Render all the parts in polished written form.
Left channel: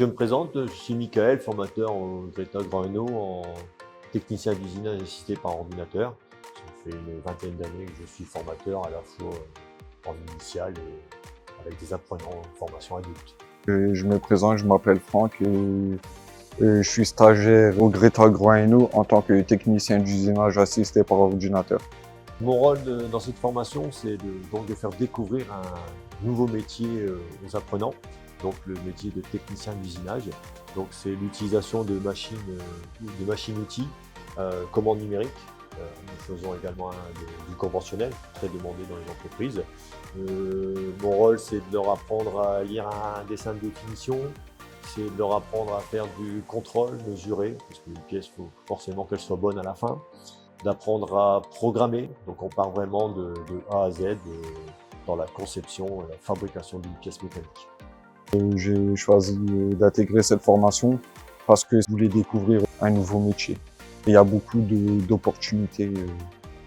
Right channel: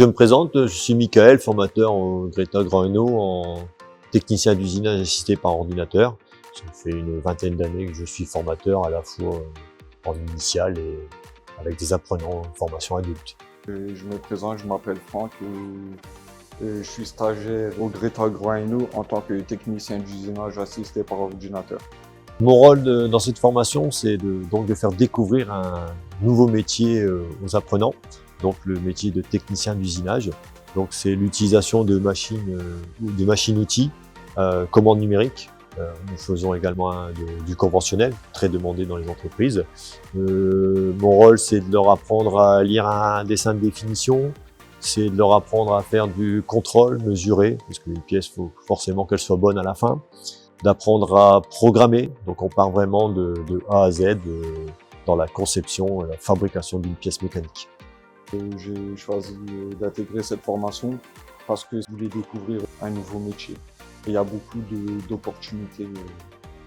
Je me présente, je suis Michael, formateur au Greta Grand Hainaut en technicien d'usinage assisté par ordinateur. Ça fait une vingtaine d'années que je suis formateur à la fois en initiale et avec des apprenants en formation adulte. Je me présente, je m'appelle Franck et je suis stagiaire au Greta Grand Hainaut en tant que technicien d'usinage assisté par ordinateur. Mon rôle dans cette formation, c'est donc de faire découvrir un nouveau métier aux apprenants, donc le métier de technicien d'usinage. Donc c'est l'utilisation de machines-outils, commandes numériques. Nous faisons également du conventionnel, très demandé dans les entreprises. Mon rôle, c'est de leur apprendre à lire un dessin de définition, c'est de leur apprendre à faire du contrôle mesuré, parce que les pièces, il faut forcément qu'elles soient bonnes à la fin, d'apprendre à programmer. Donc on part vraiment de A à Z dans la conception et la fabrication d'une pièce mécanique. J'ai choisi d'intégrer cette formation parce que je voulais découvrir un nouveau métier. Il y a beaucoup d'opportunités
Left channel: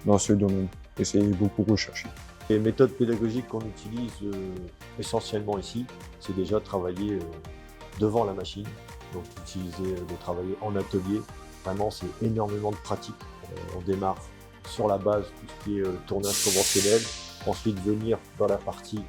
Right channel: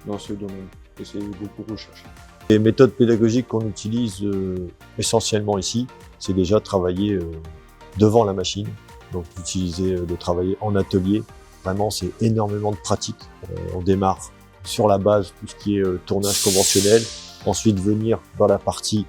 dans ce domaine et c'est beaucoup recherché. Les méthodes pédagogiques qu'on utilise essentiellement ici, c'est déjà travailler devant la machine, donc de travailler en atelier. Vraiment, c'est énormément de pratique. On démarre sur la base, tout ce qui est tournage conventionnel. Ensuite, venir dans la partie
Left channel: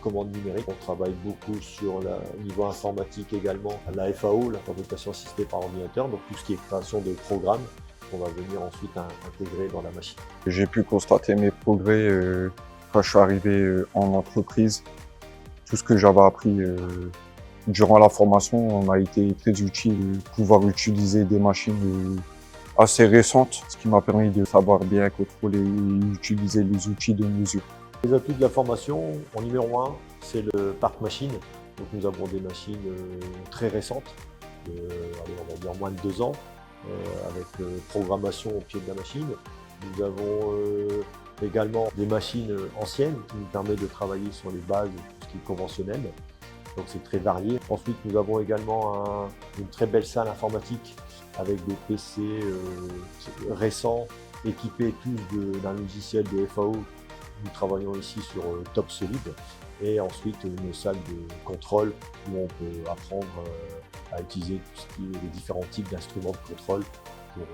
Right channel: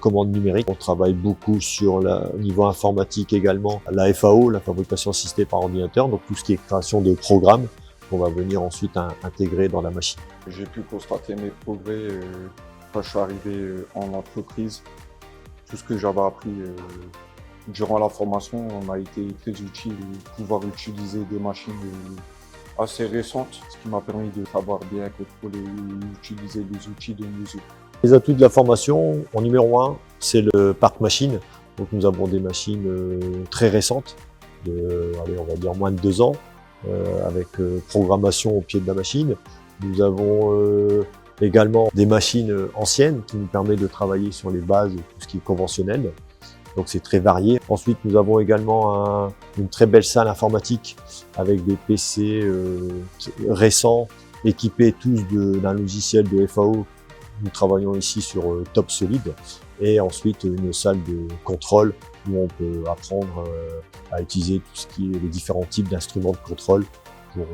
commande numérique. On travaille beaucoup sur au niveau informatique également. La FAO, la fabrication assistée par ordinateur, donc tout ce qui est création de programmes qu'on va venir ensuite intégrer dans la machine. J'ai pu constater mes progrès quand je suis arrivé en entreprise. Tout ce que j'avais appris durant la formation m'a été très utile. Pouvoir utiliser des machines assez récentes, ce qui m'a permis de savoir bien contrôler et utiliser les outils de mesure. Les atouts de la formation, en numéro 1, c'est le parc machine. Donc nous avons des machines très récentes, on va dire moins de 2 ans, avec programmation au pied de la machine. Nous avons également des machines anciennes qui nous permettent de travailler sur les bases de tout ce qui est conventionnel. Donc c'est très varié. Ensuite, nous avons également une très belle salle informatique avec des PC récents, équipés tous d'un logiciel de FAO. Nous travaillons ici sur Top Solid. Et ensuite, une salle de contrôle où on peut apprendre à utiliser tout ce qui est les différents types d'instruments de contrôle pour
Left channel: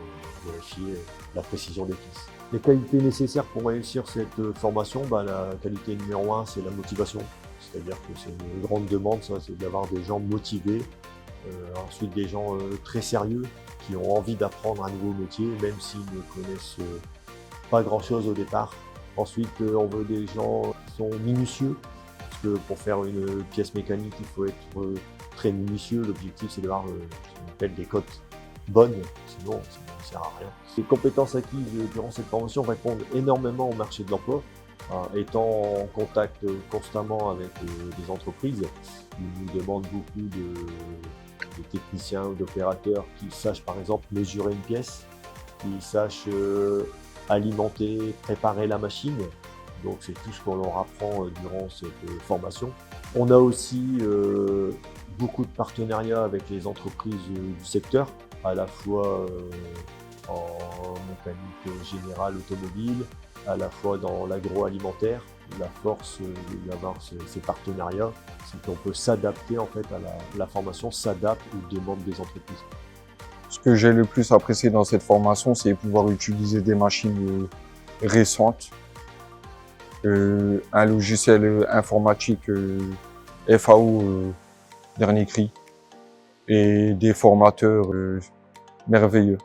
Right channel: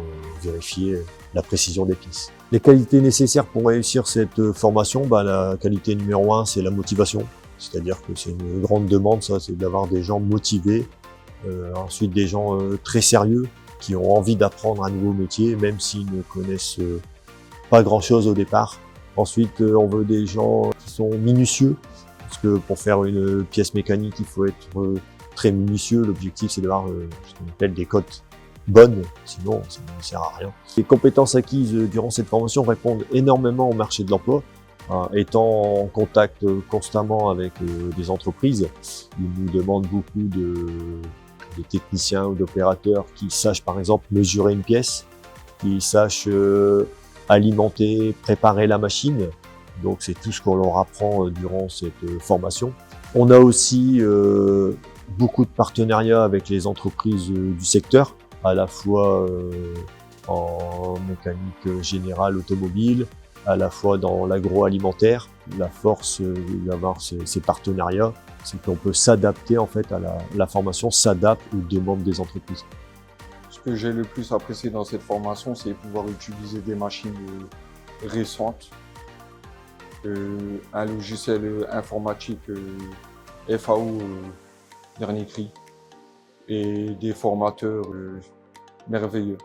vérifier la précision des pièces. Les qualités nécessaires pour réussir cette formation, la qualité numéro 1, c'est la motivation. C'est-à-dire que c'est une grande demande, ça, c'est d'avoir des gens motivés, ensuite des gens très sérieux, qui ont envie d'apprendre un nouveau métier, même s'ils ne connaissent pas grand-chose au départ. Ensuite, on veut des gens qui sont minutieux, parce que pour faire une pièce mécanique, il faut être très minutieux. L'objectif, c'est d'avoir ce qu'on appelle des cotes bonnes, sinon ça ne sert à rien. Les compétences acquises durant cette formation répondent énormément au marché de l'emploi. Étant en contact constamment avec des entreprises, ils nous demandent beaucoup de techniciens ou d'opérateurs qui sachent par exemple mesurer une pièce, qui sachent alimenter, préparer la machine. Donc c'est tout ce qu'on leur apprend durant cette formation. On a aussi beaucoup de partenariats avec les entreprises du secteur, à la fois en mécanique générale automobile, à la fois dans l'agroalimentaire. La force d'avoir ces partenariats, c'est qu'on peut s'adapter en fait la formation s'adapte aux demandes des entreprises. Ce que j'ai le plus apprécié dans cette formation, c'est pouvoir utiliser des machines récentes, un logiciel informatique FAO dernier cri et des formateurs merveilleux.